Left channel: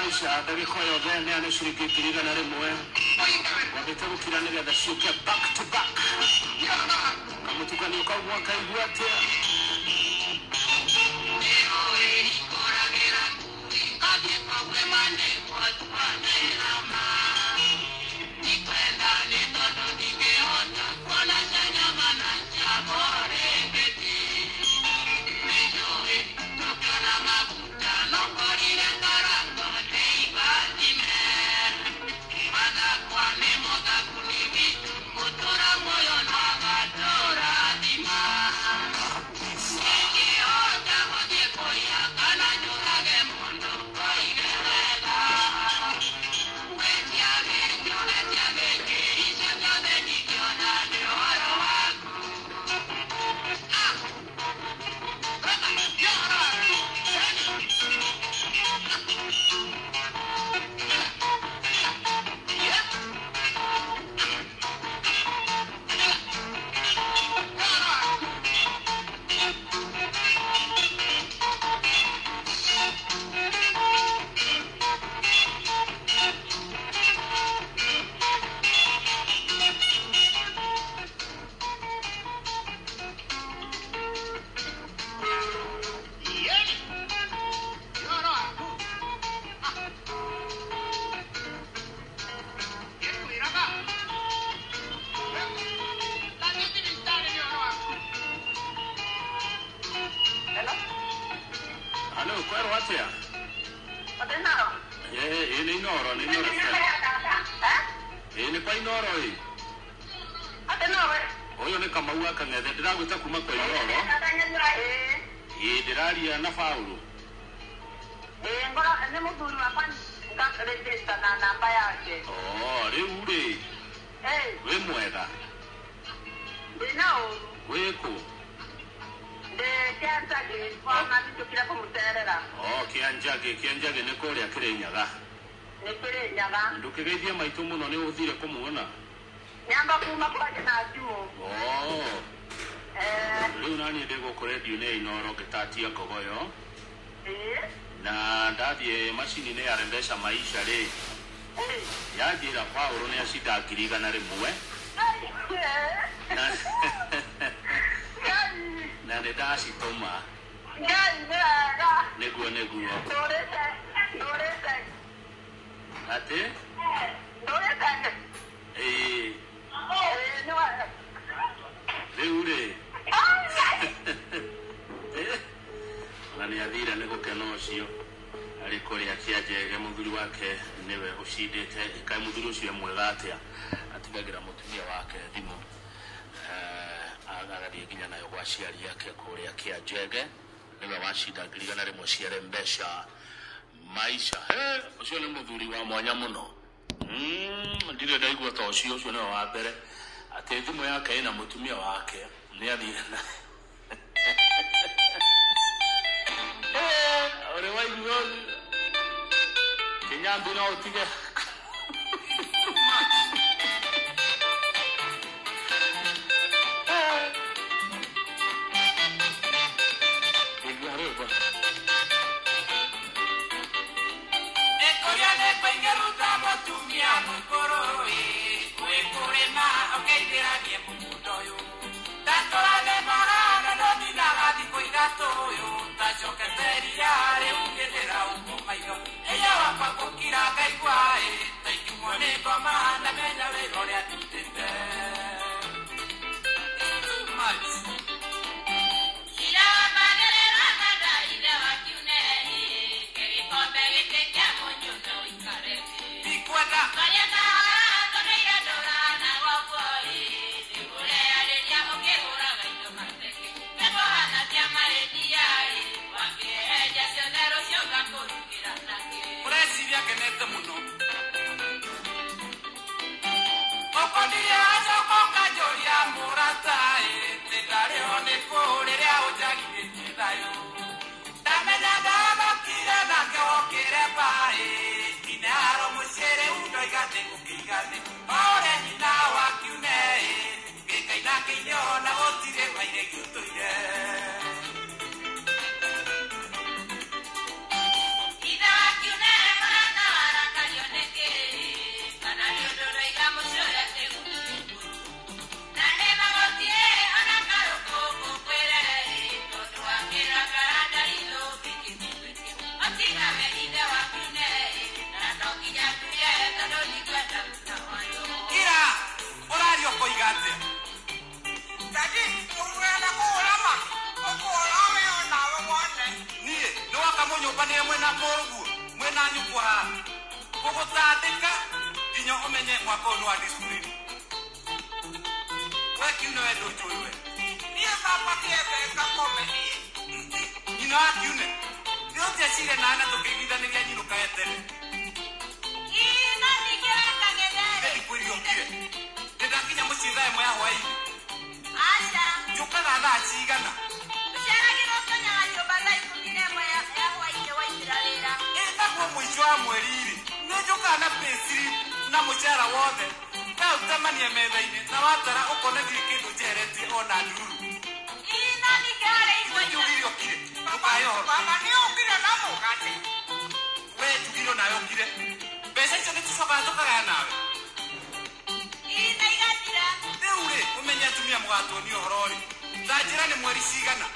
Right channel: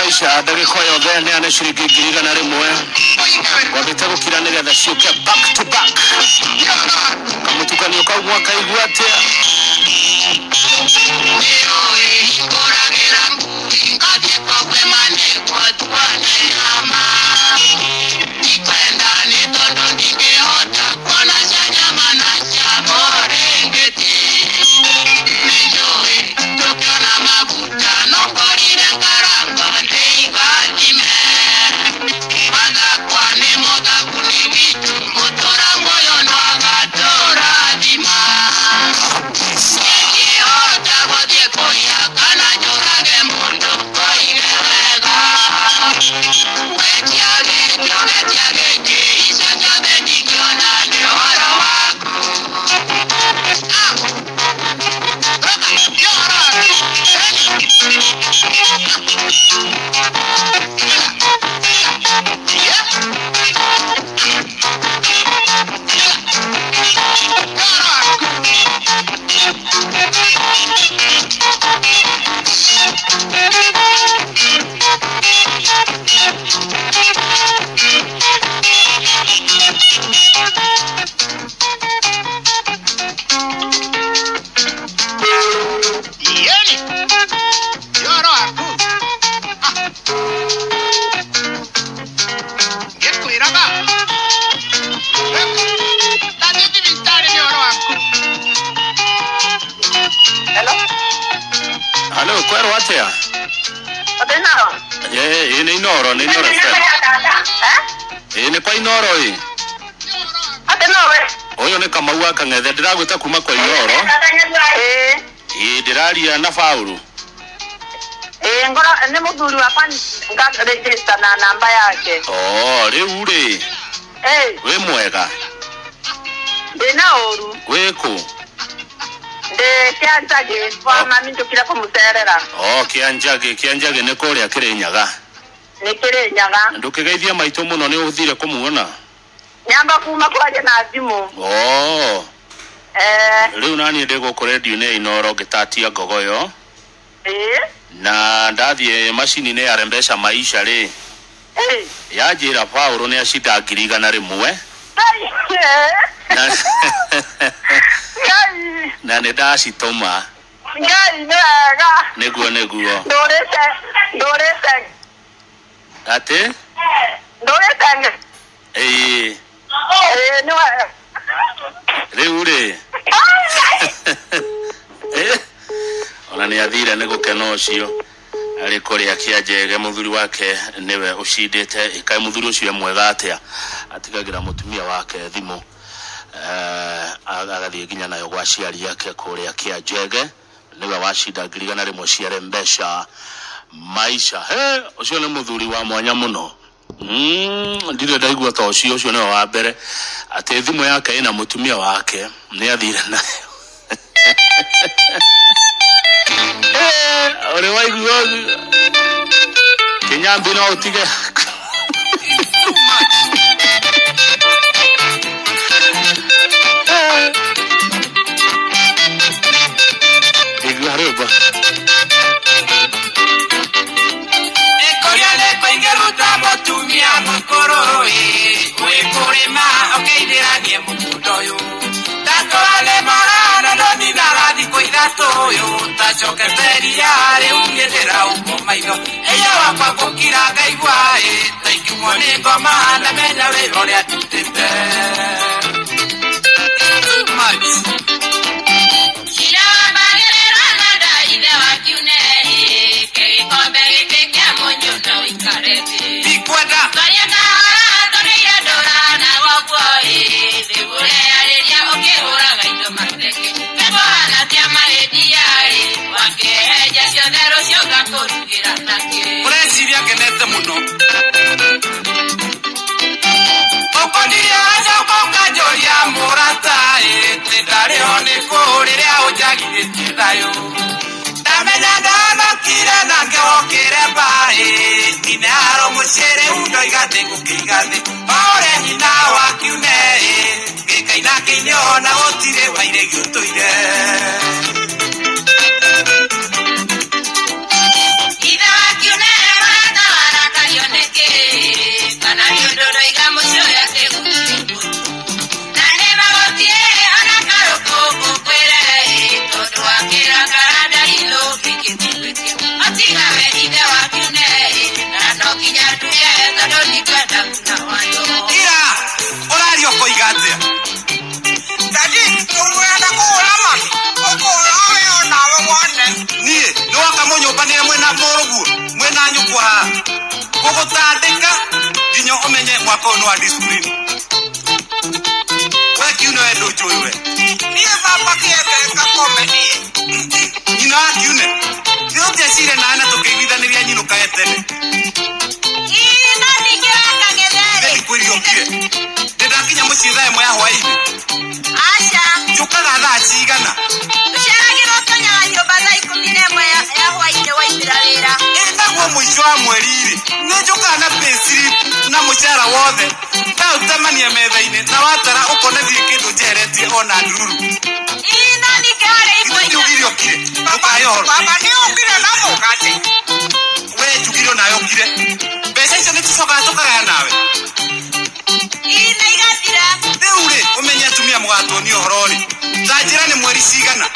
maisha ndagĩka yothe nĩ ane ciringi 100 wambĩte gũkira nĩgetha ciũke back to back kamũtukanio kau mwakaigua atĩa Hello, kwero atia? Odenaro. Ni Inoro, ni Inoro. Ni pa Inoro hii. Odenaro. Oyo ni Kamau akang'ethe ndiragwita kuma kwa Inoro. Ndiraria na Faulu. Ngora ni muthuri wa pani nga register na namba yake. Riu ri. We mwega. Ndina oru. Weko. Kianjage kwa mami ndukira kumuterera. Kianjage ne kore akirenyaga. Ni kirenyaga. Ndukigeithia maito muno ni uthire kumuona. Nyamba kuma kwaje na thimu. Riu nani ndego ko radio ne Inoro gitatia ngogoyo. Na ndathie machine ya rembesha maisha ri. Yajira Paulo ne ashida 100 na ne dashi toma ngai nega neguo ndorete ate ndorete no reure ona ni athire ne gukena ucio ari kuri akianjege muthuri wake niwe ucindite ikai muthuri ucio mwega atia atigagira mutumia wake thimu agathie ginya nayo gwa ciari yake kuri akianjege niwe wacinda 100 ciare mbesha maisha ucio ni muthuri wa mwanya muno ndire ndaigua ta ucio niwe wa mbere ati thimu yake ina mutumia wake ni athire nayo ore waigua Kinyambi no utige Iglaroba Ekoriale paingeruta motumia mokoroi Wekorema okeideranie mukudoyo Tatole marana doni naradi koidatoyo Tachoketeriare ungedera ukomaigo Eya wapa kokira gaigwae Taikimone goma na mena werole atutete Too much Presidia que nete muno Okonia japoka joria morata te dareone korere ojagire tidayo Tamenya dana kira na ngokere bae Dinaro mushere undo igate kukigate Ore hina wakiune Gekaina kinyona otire waire gutoire Ida wakiune Ira, orario koigatia. Daddy, unaenda kuona mami. Unayo na wewe. Nie, no akamonyo bania mwena morugu, mwena nyukwa. Koko tandika, ginyo omenye mwako no discipline. Wewe kiuno edo joiwe. Nie baba kiebe kakomeni. Ina kiune. Ndio tesire na ana tukigwithaniria nyino kaetene. Ndĩrakinya mũciĩ thaa ĩmwe ya hwaĩ-inĩ. Aca. Njũkaga thaa cigana? Tũceragĩrwo tũnyaga nyũmba thaa 11 ya hwaĩ-inĩ waithĩra wĩra. Ĩtagwo mũico wa mweri-rĩ. Nĩ njũkaga na payslip na mũcara wothe. Ndaũtemania metha-inĩ na watara ũkona thiĩ kĩndũ njeheretie ona ndururu. Ina nĩkĩharĩ igwa njugire ũkire. Ndũkahe ũhoro. Baba nĩ ũkire na mũgate. Wee njugire ona yũkire. Mbeca icio nĩ tũcokaga tũkagaya nawe. Rĩu-rĩ, ũmenye atumia mũgatũonia ũhoro-rĩ. Ta njĩra nĩ mweri cigana?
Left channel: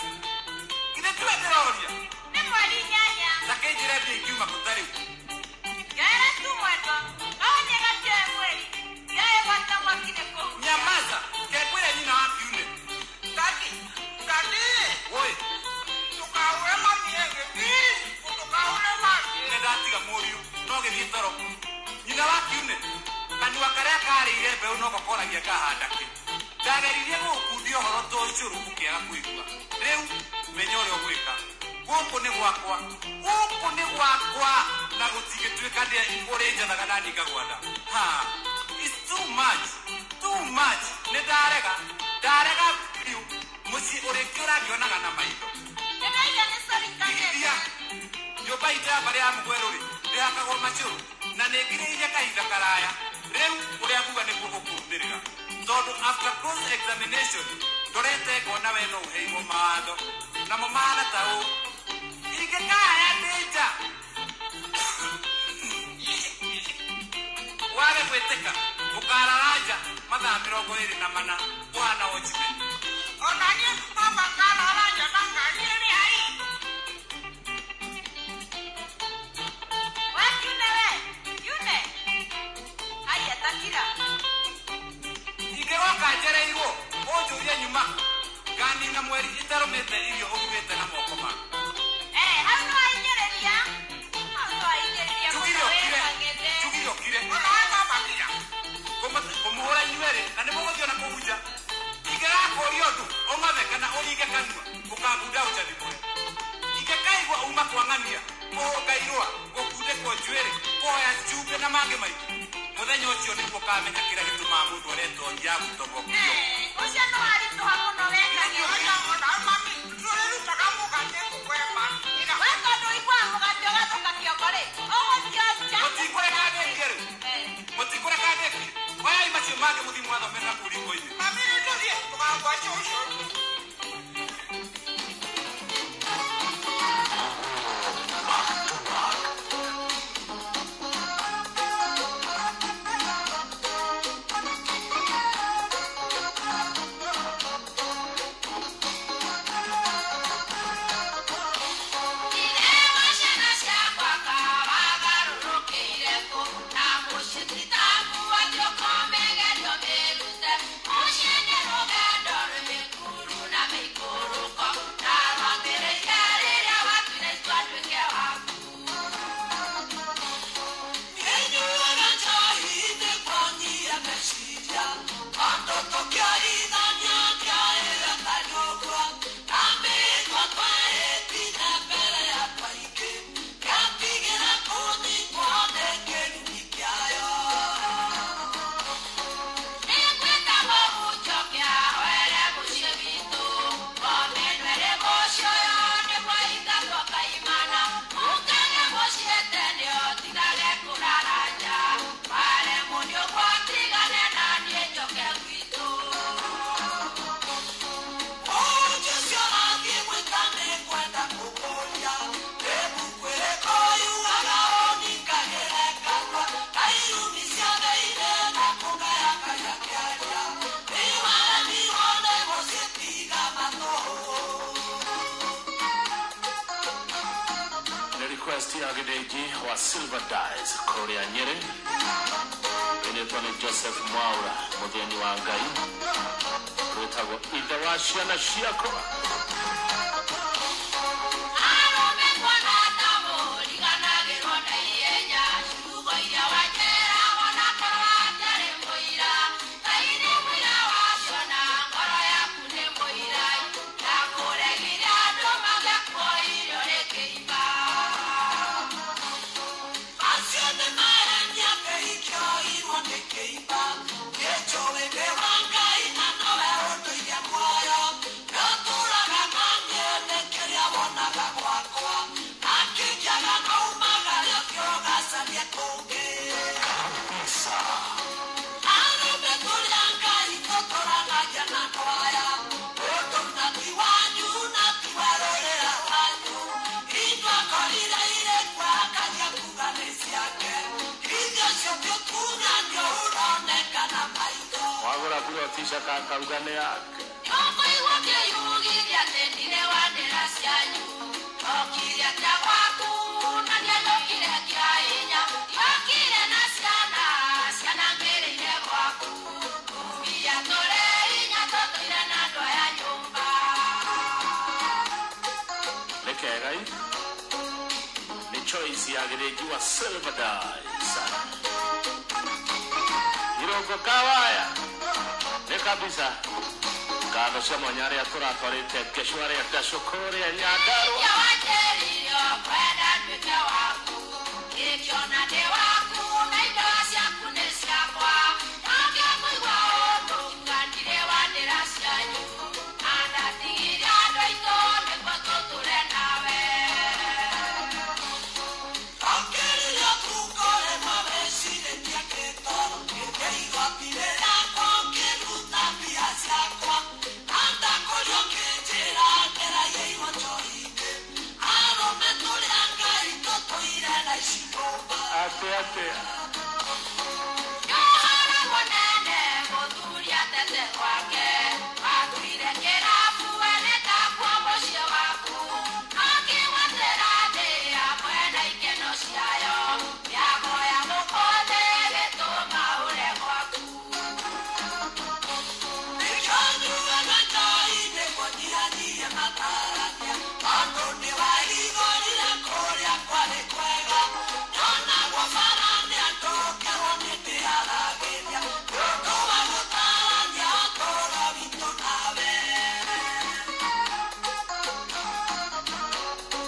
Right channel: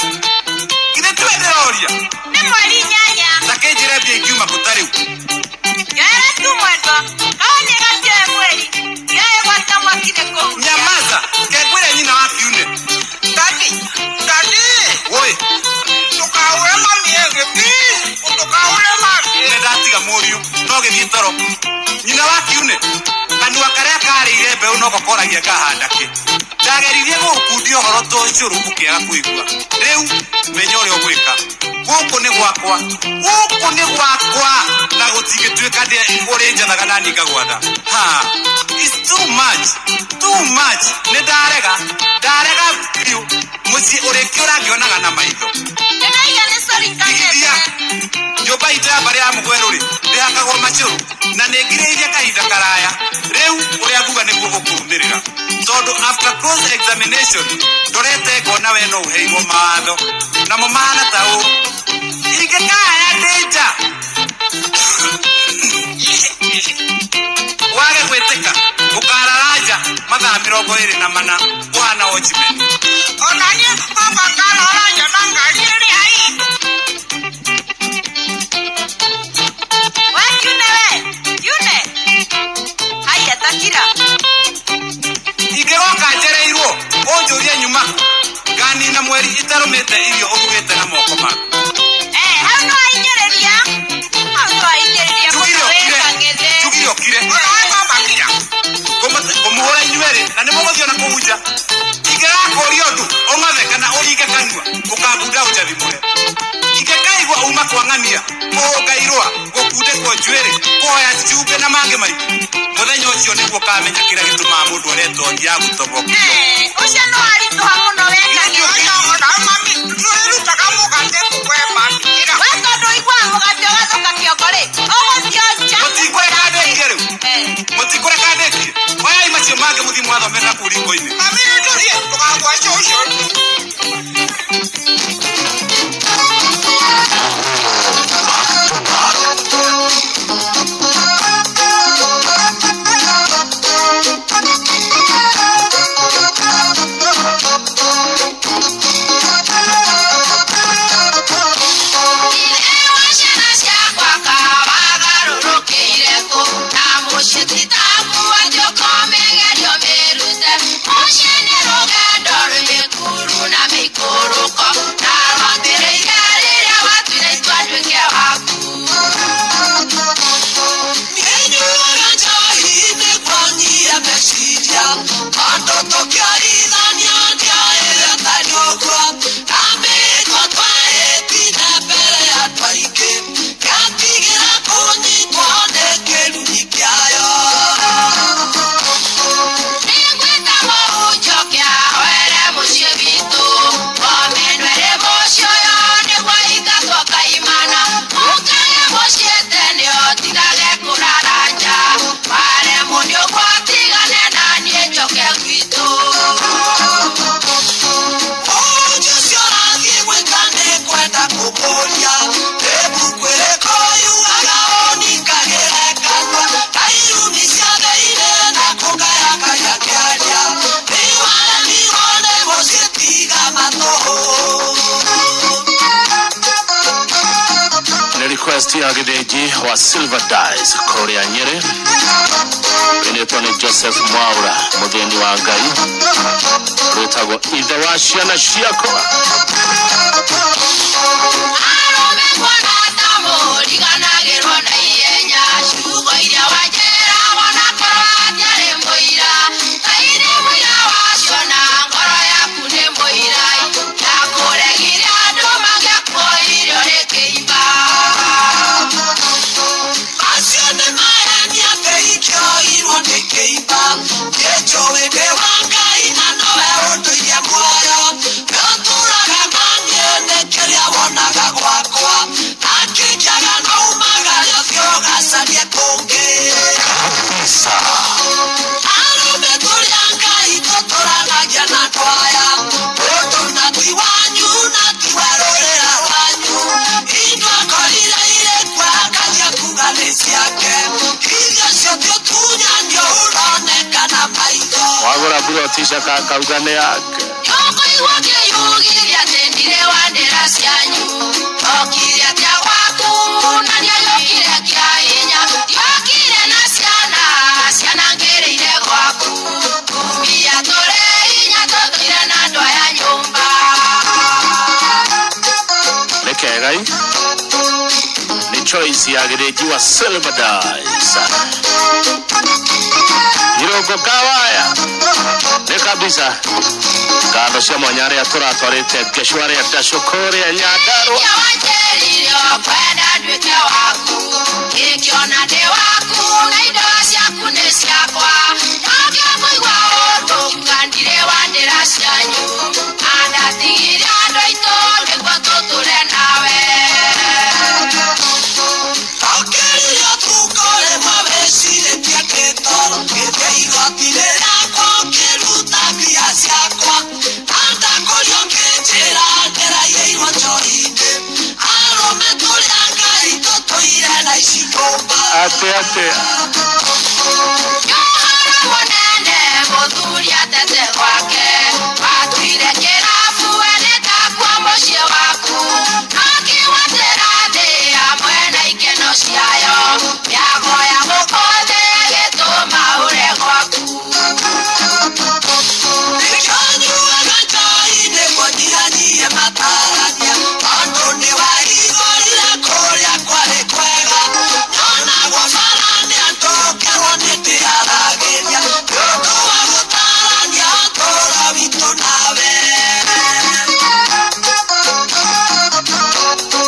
Githĩ tiwe ndĩroria? Nĩ mweri 8. Ta kĩnjĩre mbia ingiuma kũ ta rĩu? Njoera tu mwendwa. Kaĩ nĩ gatioe mweri. Njoe gwata mwaki nĩ kũu. Nyamaza, kengwĩre nyina wa kiune. Daddy. Woi. Ndũkaũre mami ĩngĩ, please. Ndũkaũre mami. Nĩ ndatiga mũriũ, no gĩthiĩ toro. Nyina wa kiune. Kanua karĩa karĩire mbeũ no gakoragia kahanda kĩ. Ndageririe gũkundia ũhoro to ũcũrũ ũkĩaga kũigua. Rĩu menya ũrĩa ũgwĩka. Gũkũ nĩ gwakwa. Na gũtingĩtuĩka ũrĩ njathaga na ningagwatha. It's too much. Nĩ ndarega biũ. Mũciĩ ũrĩkĩ ũrangĩonaga na maitho. Tigithia. Nyũmba itũ ya mbarĩ ya mũgwerũ-rĩ, ndĩhakagwo macũrũ. Na nĩ ngirĩirie kahinda karaya. Rĩu ũrĩa nguga nĩguo gũkũrũmĩrĩra. Tondũ after close examination ndorete ngona we no ũheirwo mawatho. Namo mahana ta ũũ. Ingĩkaya ndĩ nja. Wage gwĩtĩka ũkarara nja mathaa 24 ũhana watchman. Ona niĩ baba ngarara nja na ngari ĩrĩa haitũ. Ingĩgoka njereirwo ũnjũrie nyuma nganina mweri itarũmĩte irio ũrugĩte na moko maku. Hau no ainyereria. Njugire ũkire. Ngũmũhũra inyuerĩ na nĩ mũgũthiĩ ona kũhunja. Ingĩgakũria ũndũ ũng'othe kana ũringe kanua ũkambunda ũnjathimũre. Ingĩkaigua uma kwang'ania kũngairũa gũkundĩkwo njuĩrĩ kũhoya ciumbe na mangĩ maingĩ. Mũthenya ũcio nĩguo kamenya kĩrĩa gĩtũmaga mũndũ aretongia gũtobokio. Ũcio no aritũha mũno weka ona mami twĩrutaga mũgate kũgwema. We tondũ ũiguaga mũgate ũgacoka kĩongo-rĩ, ũgũthiĩ nja. Mũtikũreka ndĩkie rĩu? Mũtikũreka ndĩkie? Oyai macio mangĩ mũthiĩ mwathomera kũu riko-inĩ. Mami nĩtũthiĩ tũkagwacia ũcio. request ya gideji wa Silver Dice Korea Nyeri. Benetone Joseph Mwaura mugeni wa Ngai. Rutago idawashia na shiako. Wagora bro tisha kaka ugane yake. Lekegai ni choice ya gideji wa Silver Dice. Hirogo kawaya ne kabisa kando cia mwanyare atũratwarĩte Gĩcũa rĩa Ndacũkũ rĩa Nyandarua. Ate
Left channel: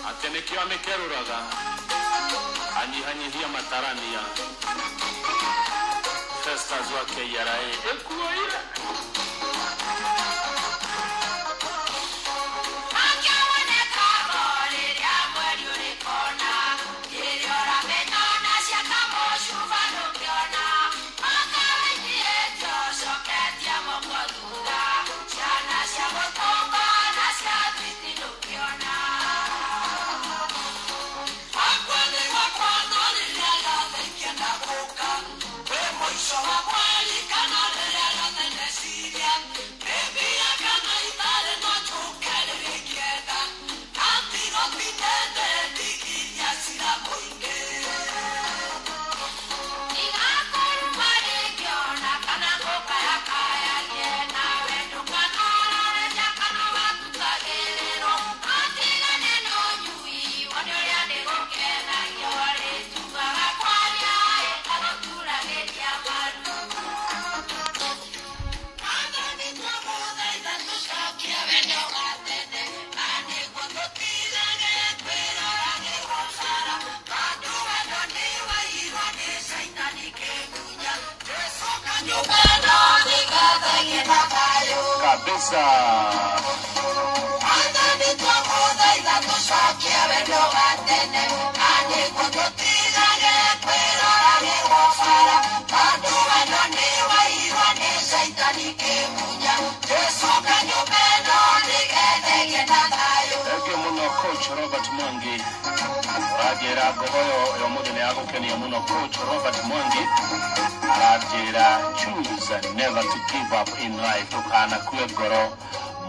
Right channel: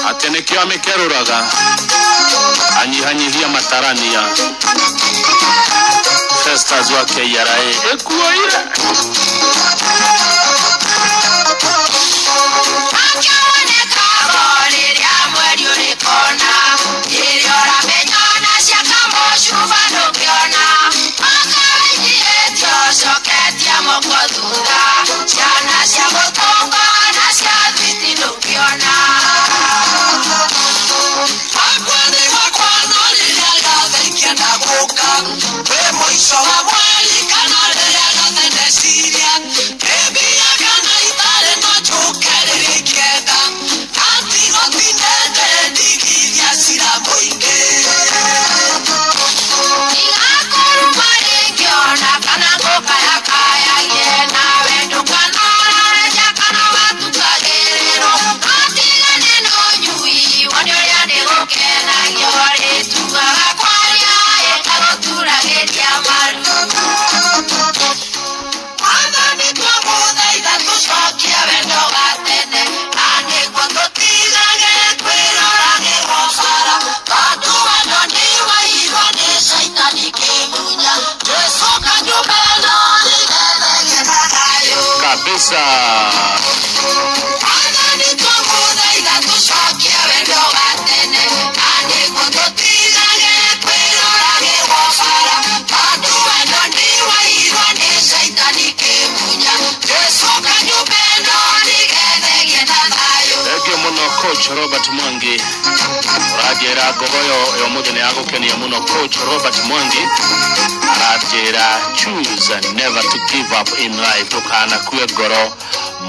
Atenekio amekeruraga anyihanyihia matarania Festas wake yarae ekuoira Coach Robert Mwangi rajera gogoyo yomudene yago kenya muno. Coach Robert Mwangi rajera choose never to give up in life. Tukana kwe goro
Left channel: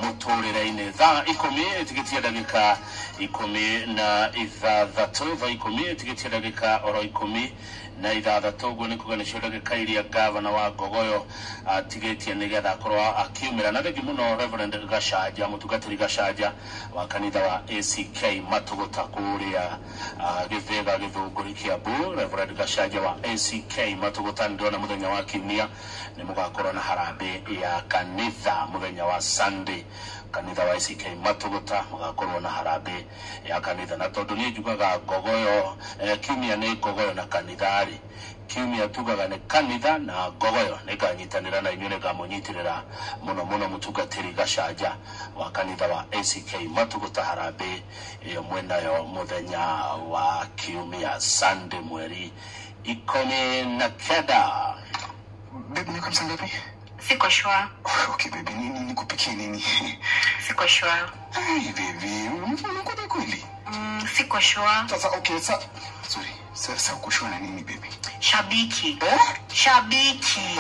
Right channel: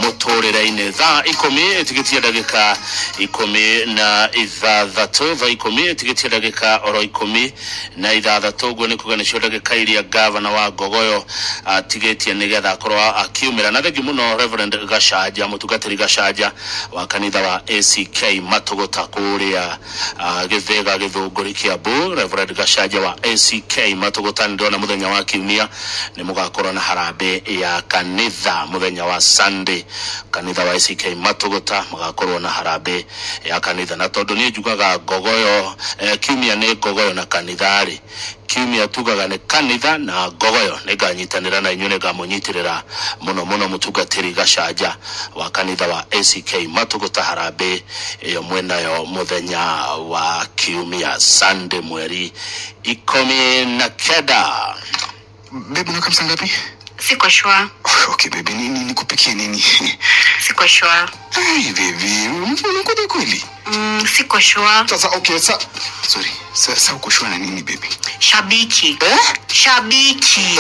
mutorera-ini thaa 10 itigitie ndagika 16 thaa 10 itigitie ndagika oro 16 guo ni kuga nicio ndagika iria gavana wa Gogoyo atigitie nigetha akorwo akiumira na thengi muno Reverend Gacaja mutungatiri Gacaja wa kanitha wa ACK Matogota kuria Githega Githunguri Kiambu. Reverend Gacaja wa ACK Matogota ndona muthenya wa kiumia ni mugakorwo na harambe ya kanitha muthenya wa Sunday. Kanitha wa ACK Matogota mugakorwo na harambe ya kanitha na tondu ni njugaga Gogoyo kiumia ni Gogoyo na kanithari kiumia tugaga ni kanitha na Gogoyo niganyitanira na inyune gamunyitirira muno mutungatiri Gacaja wa kanitha wa ACK Matogota harambe iyo mwenayo muthenya wa kiumia Sunday mweri 19. Baby, unakaa saa ngapi? Siko sure. Okay baby, nikupikie nini? Siko sure. Hey baby, unakuja kweli? Siko sure. Sasa okay, sorry. Sasa uko sure na nini baby? Shabiki. Shabiki.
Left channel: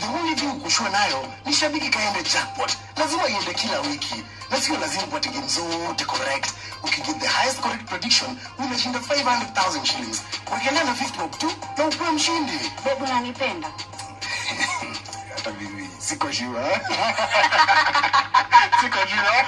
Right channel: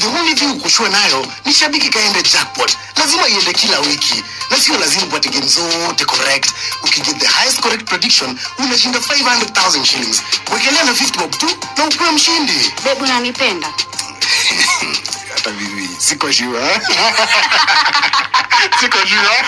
The only thing uko sure nayo ni shabiki kaende jackpot. Lazima iende kila wiki. Na sio lazima upate game zote correct. Ukiget the highest correct prediction, unashinda 500,000 shillings. Wekelea na 50 bob tu na ukuwe mshindi. Babe, unanipenda? Hata bibi, siko sure. Siko sure.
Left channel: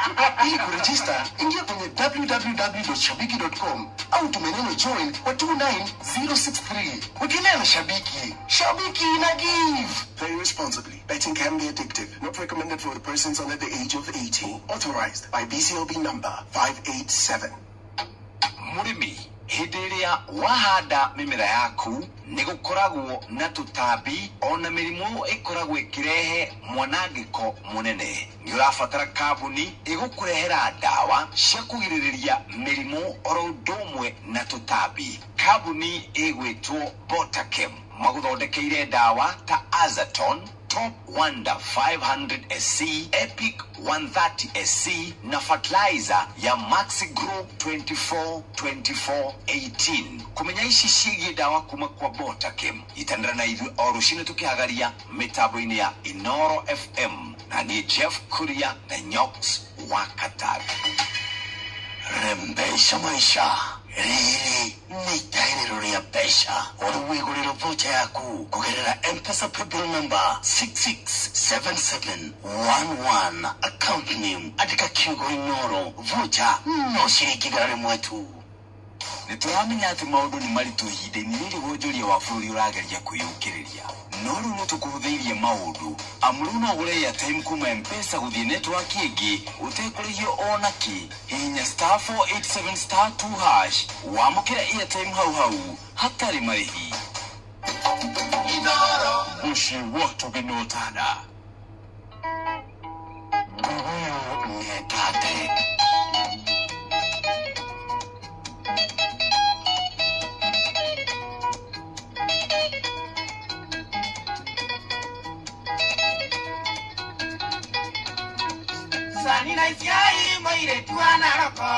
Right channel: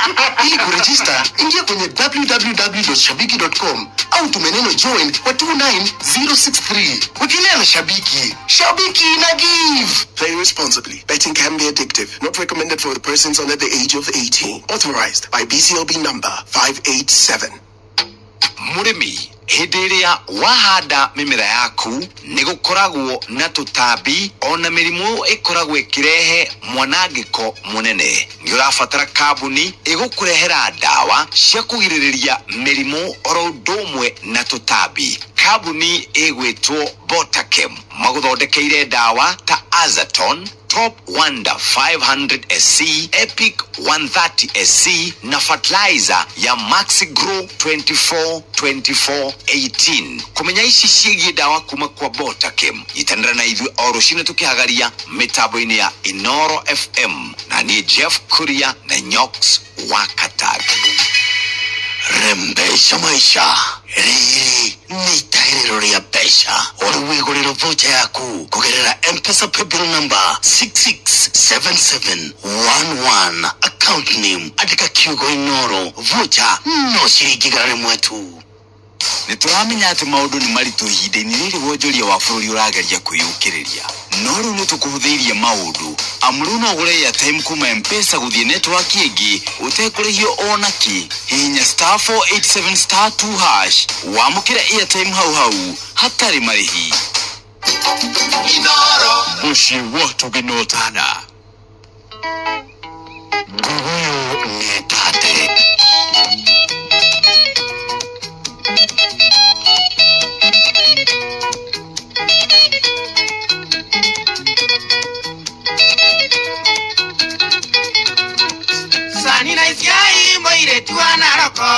Ili kuregister, ingia kwenye www.shabiki.com au tumeneno join kwa 29063. Wekelea na Shabiki. Shabiki na give. Play responsibly. Betting can be addictive. Not recommended for the persons under the age of 18. Authorized by BCLB number 587. Murimi hidiria wahanda mimera yaku nigukoragwo na tutambi ona mirimu ikoragwo ikirehe mwanangiko munene. Ni urafatara kabuni igukurehera dawa cia kugiririria mirimu oro ndomwe na tutambi. Kabuni igwitwo Botakem maguthondekeire dawa ta Azaton, Top Wonder 500 SC, Epic 130 SC na fertilizer ya Maxi Grow 24-24-18. Kumenya ici ciĩgiĩ dawa kuma kwa Botakem itandara na ithuĩ oro cine tukihagaria mitambo-ini ya Inoro FM na ni Jeff Kuria na Nyox wa Katag. Rembesha maisha. Ni tairiro ria pesha. Ori wiguriro vocha yaku kugerera M-Pesa paybill number 667711. Account name andika Kiugo Inoro. Vocha no shiringi gari mwetu. Nituramenya ati maundu ni maritu hinde-ini riri wonjoria wa bururi urageria kwiyukiriria. No riu nitukuhuthiirie maundu. Amruno ugure ya time kuma M-Pesa guthie network ingi utekurihio onaki. Hihinya *487*2# wamukira airtime hau hatari marihi. Inoro Bushi watu ginotana. Gogoyo netate. Sanina isiai moire tuana roko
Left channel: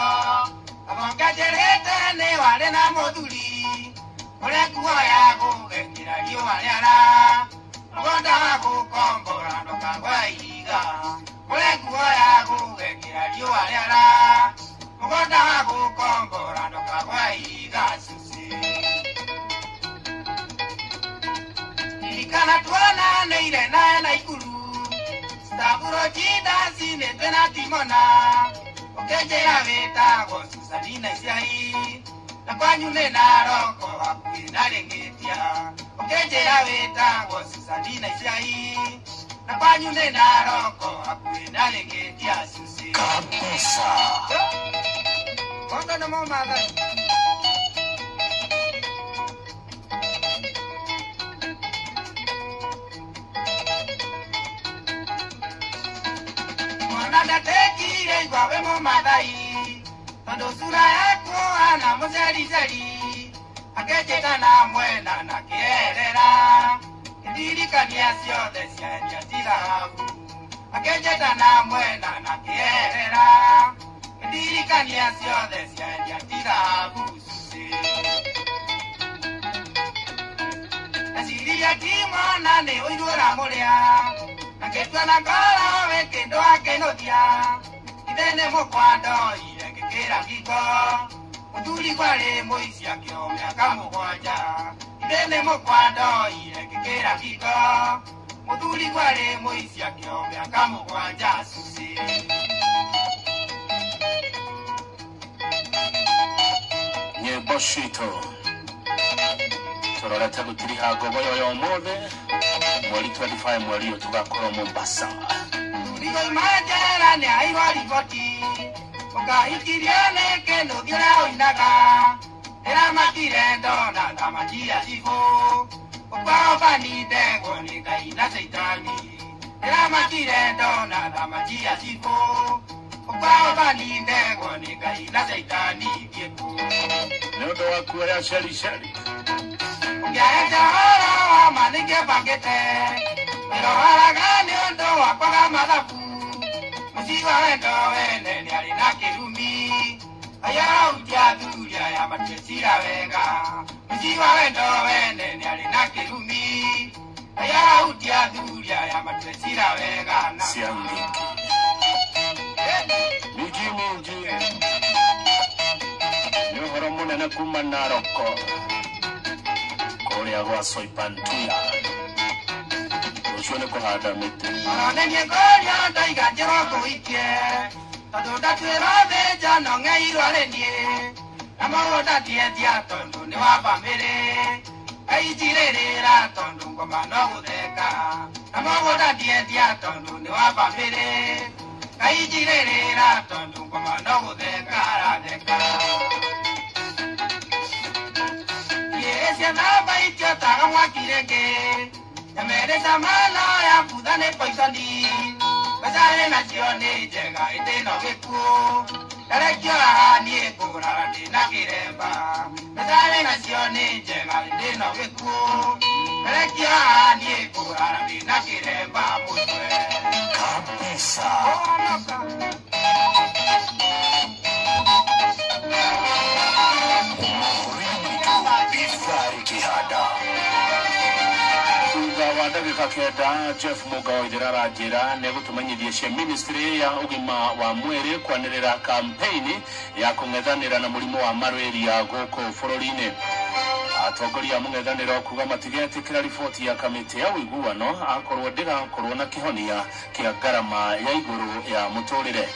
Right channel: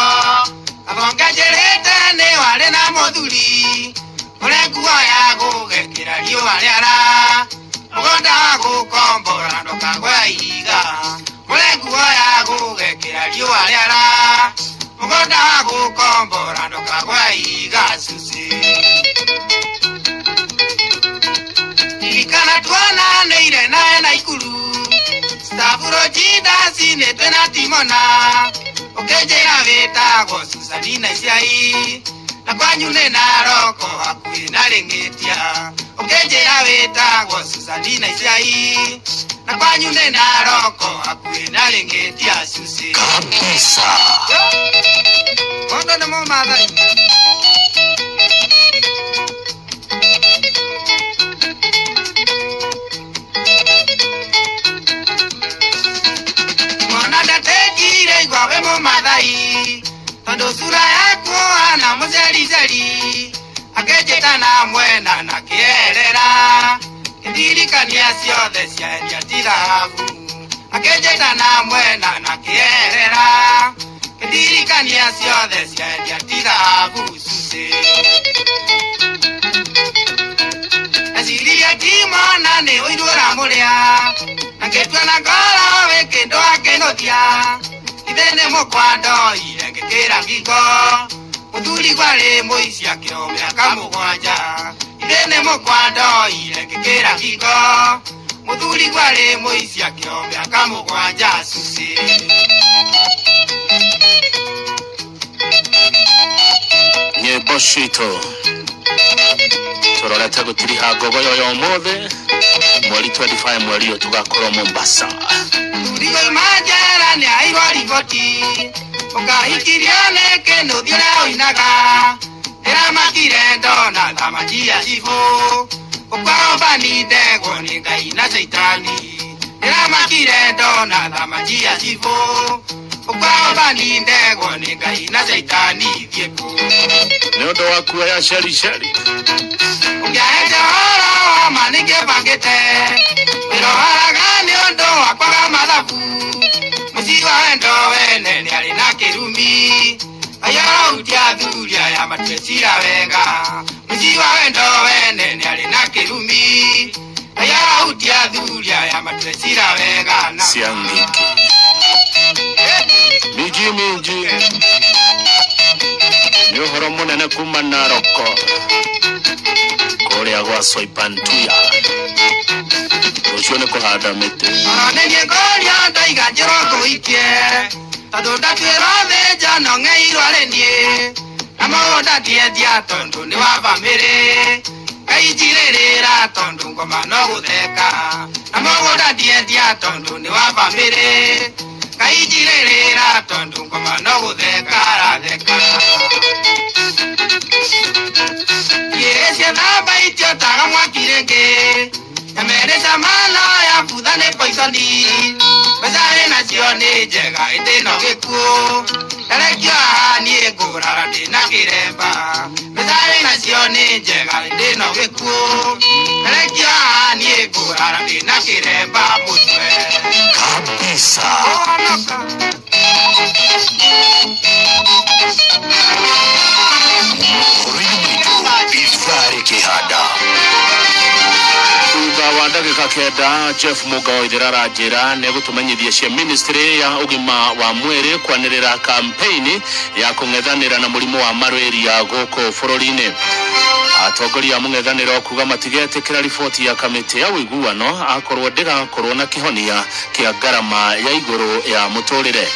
abonga jereta ne wale na moduli ore kuwa ya gugekira riwa riara mugonda wa gukombora ndoka gwa iga ore kuwa ya gugekira riwa riara mugonda wa gukombora ndoka gwa iga susi ilikana tuana neire na ikulu Stavuro jida sine tena timona Okejera veta go Susanina isiai Na kwanyune na roko hakui na rengetia Okejera veta go Susanina isiai Na kwanyune na roko hakui na rengetia susi Kabisa. Kondo na mo madai Gwawe mo madai Tondo sura yako ana muzeli Akejeta na mwena na kierera Kindirika ni asiode siya njatiravu Akejeta na mwena na kierera Kindirika ni asiode siya njatiravu Suse Asili ya kima nane oidura murea Naketwa na kala weke ndo ake no gothia ithene mukwando irengekera ngingo muthuri gwari muicia kiro miaka mugwanja ithene mukwando irengekera ngingo muthuri gwari muicia kiro miaka mugwanja susi Boshito tororete gutiri hagogo yo mothe mweri 25 mweri yo tugakoro Mombasa Rigo majara ne aigori goti ukahikiriane keno dira oinaga era makire dona tamajia sifu ukaomba ni dego ni kaina seitani era makire dona tamajia sifu ukaomba ni dego ni kaina seitani viepo Neodo wakuwa ya shari ungeaja wala manike bagete pero haga neodo wakwa madhabu musiwa endo wene ni alina kirumi aya utia dhuria ya matwesira wega musiwa endo wene ni alina kirumi aya utia dhuria ya matwesira wega na siangiki miji ni uhoro munene kuma Naroko kuria gwa Soipantuya ucio ni kuhanda miti nenye goria ndaiga njorogo ikie tando ndatwira meja no ngeirwo arenie na maũnda ndiendia tondu ni wa bamĩrĩ kainjirĩrĩra tondu ngoma no gũtheka na maũnda ndiendia tondu ni wa bamĩrĩ kainjirĩrĩra tondu ngoma no gũtheka aratheka yesia namba itio taga mwakirĩngĩ Yameresa mala ya budane poisoni Bezare nazione jega eteno gekuo Elekio ahani egorara dena kiremba Bezare nazione jega eteno gekuo Elekio ahani egorara dena kiremba mutwe Kabisa. Ifari kihada. wa ndagika kenda Jeff Muga oithirara njira ne gutumenyithia cia ministry ya ugima wa mwiri kwanirira campaign ya kung'ethanira na murimu wa malaria goko bururi-ini atongoria mung'ethaniro kuga matigetikira riboti ya kamiti ya uiguano akorwo ndigakorwo na kihonia kia garama ya iguru ya muturire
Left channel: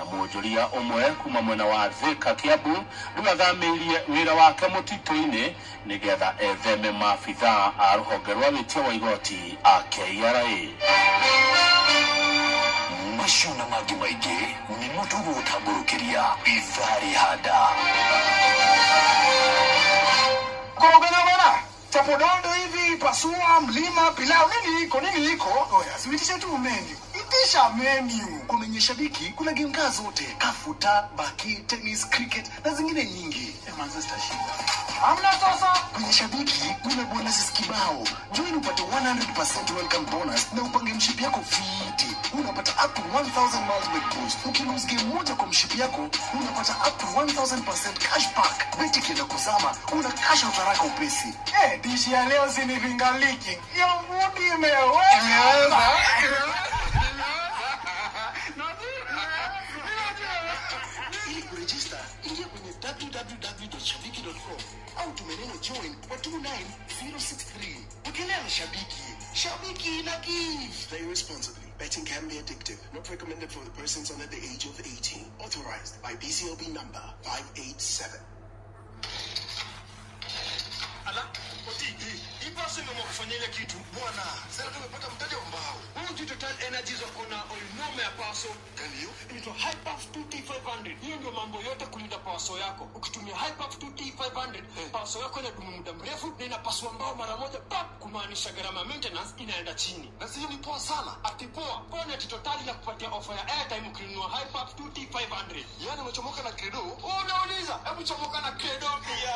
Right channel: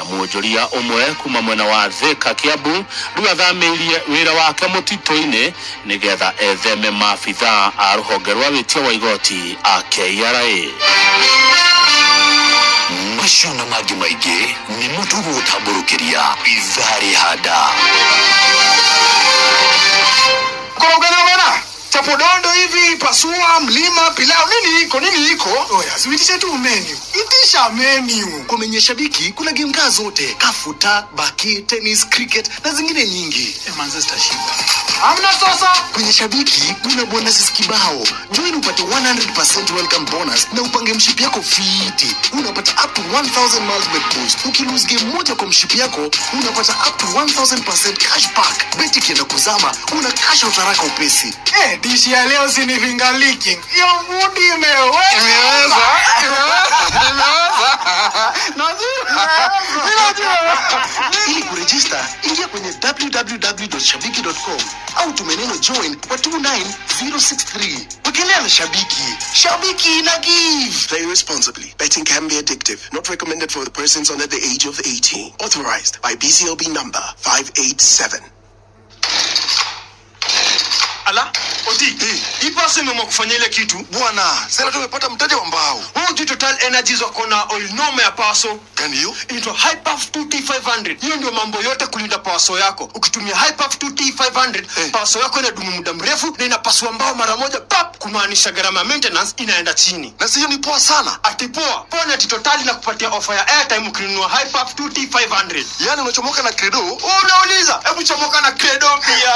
na muonjoria umwe kuma mwena wa Thika Kiambu riu athamirie wira wake mutito-ini nigetha etheme maabitha a ruhonge rwa witia wa igoti a KRA macio na mangĩ maingĩ nĩ mũtugo gũtamburukiria Ifari hada Korogana chapodondo hivi pasua mlima pilau nini iko oya siwitishe tu menu itisha menu kwenye shabiki kuna game kaa zote kafuta baki tennis cricket na zingine nyingi Manchester shinda amna sasa kwenye shabiki kuna bonuses kibao join upate 100% welcome bonus na upange mshipi yako fiti unapata up to 1000 miles bet boost ukilose game moja kwa mshipi yako unapata up to 1000% cashback beti kienda kuzama una cash out haraka upesi dishi ya leo sinifinga leaking yo mudi imeweza ili kuregister ingia kwenye www.shabiki.com au tumeneno join kwa 29063 wekelea na shabiki na give. Play responsibly. Betting can be addictive. Not recommended for the persons under the age of 18. Authorized by BCLB number 587. ala oti ipase mama kufanya ile kitu Bwana, sasa tumepata mtaji wa mbao. huu Total Energies wako na oil noma ya paso Gani hiyo? inaitwa Hyperf 2T500. Hiyo ndio mambo yote kulinda paso yako. Ukitumia Hyperf 2T500, paso yako inadumu muda mrefu na inapasua mbao mara moja pap, kumaanisha gharama maintenance inaenda chini. Na sio ni poa sana. Atipoa, Pona Total na kupatia offer ya airtime ukinunua Hyperf 2T500. Yaani unachomoka na credo. Unauliza, hebu chomoka na credo pia.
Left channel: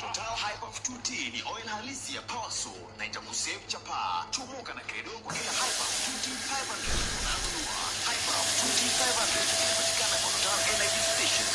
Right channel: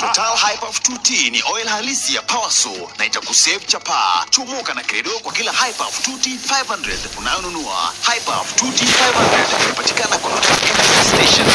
Total Hyperf 2T ni oil halisi ya Powerso na itakusave chapa. Chomoka na credo kwa kila Hyperf 2T500 unayonunua. Hyperf 2T500 inapatikana kwa Total Energy Station.